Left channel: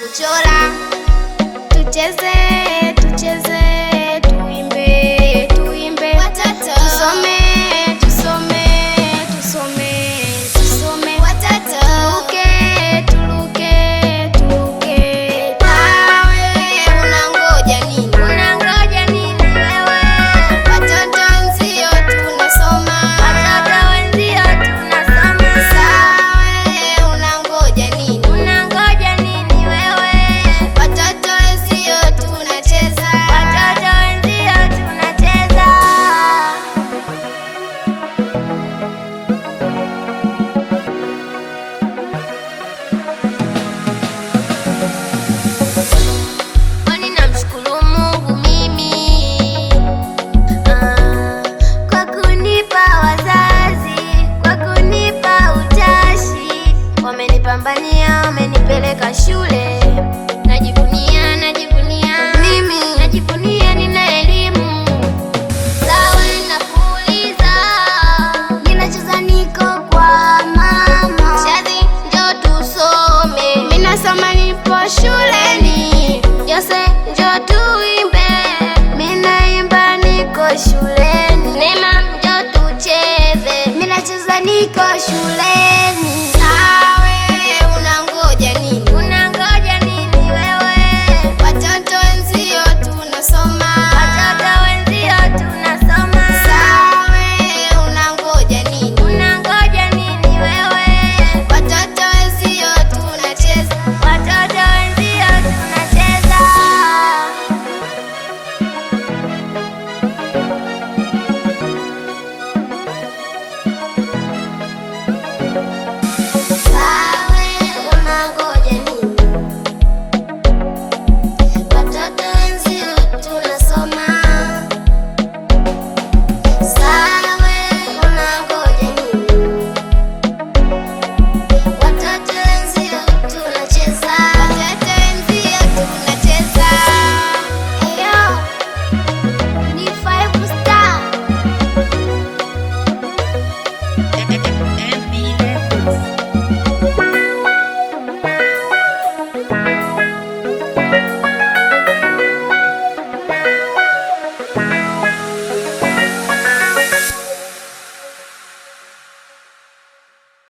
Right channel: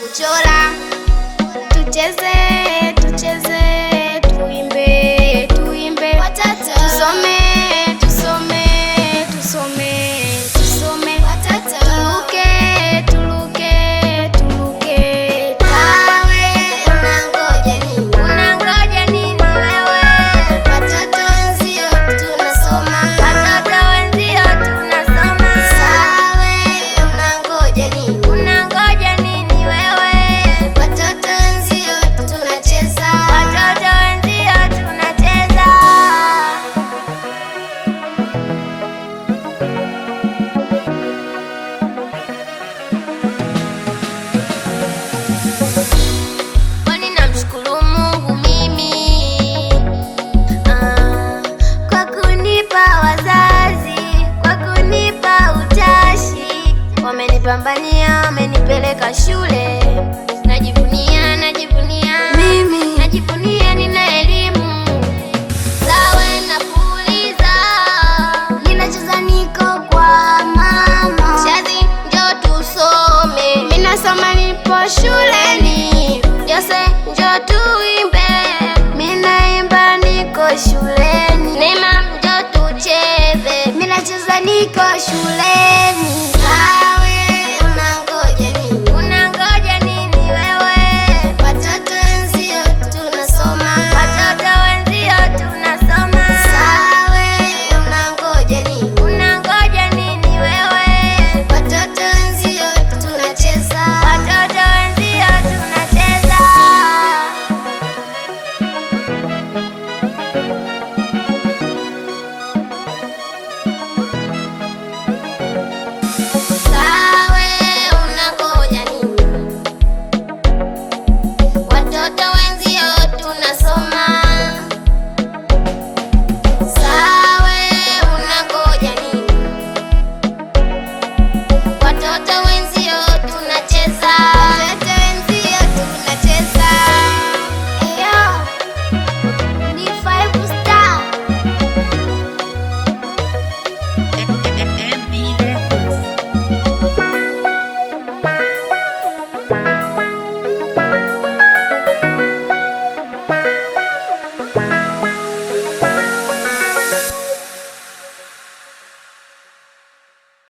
kuchora. Tucheze, tucheze, tuimbe, tuimbe, tusome, tusome, tusome, tusome, tuluke, tuluke, tuluke. Unangoja nini? Unangoja nini wewe? Watoto wenzio tunasoma. Watoto wenzio tunasoma. Unangoja nini? Unangoja nini wewe? Watoto wenzio tunacheza. Watoto wenzio tunacheza. Kwani namshukuru Mungu mimi kwa kunipa wazazi, kwa kunipa utashi. Wamenipambania, wamenipeleka shule. Najivunia, najivunia, najivunia nina elimu. Sawe napuliza, ninacheza niko kwa mama. Shazi njoo tusome, minasoma nipo shuleni. Jose njoo tuimbe, minaimba niko shuleni. Neema njoo tucheze, minacheza niko shuleni.